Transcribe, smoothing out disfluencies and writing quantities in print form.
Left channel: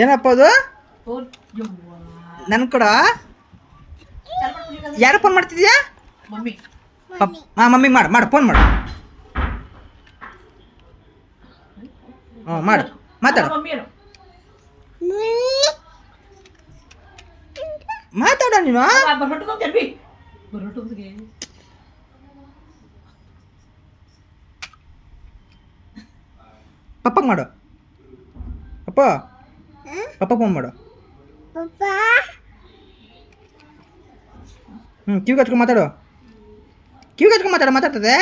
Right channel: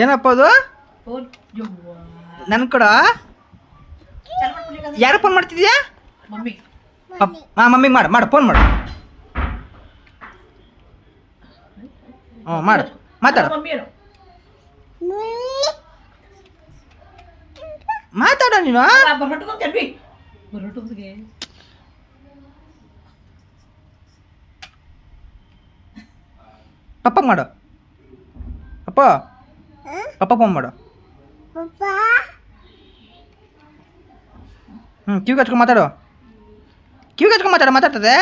ಏನಪ್ಪ ಅದು ನನ್ನ ಕಡ ಯಾರು ಫೋನ್ ಮಾಡ್ತಿದ್ಯಾ? ಹಾಂ ಮಮ್ಮಿಗೆ ಮಾಡು ಫೋನ್ ಮಾಡು. ಹ್ಞೂ ಮಾಡು ಮಾತಾಡು ಮಾತಾಡ ನೀನು. ಪಪ್ಪ ಮಾಡು ಅಪ್ಪ ಪಪ್ಪ ಫೋನ್ ಮಾಡು. ಕಿವಿಗೆ ಹಚ್ಕೊಂಡು ಮಾತಾಡು ಮಾತಾಡ್ತದೆ.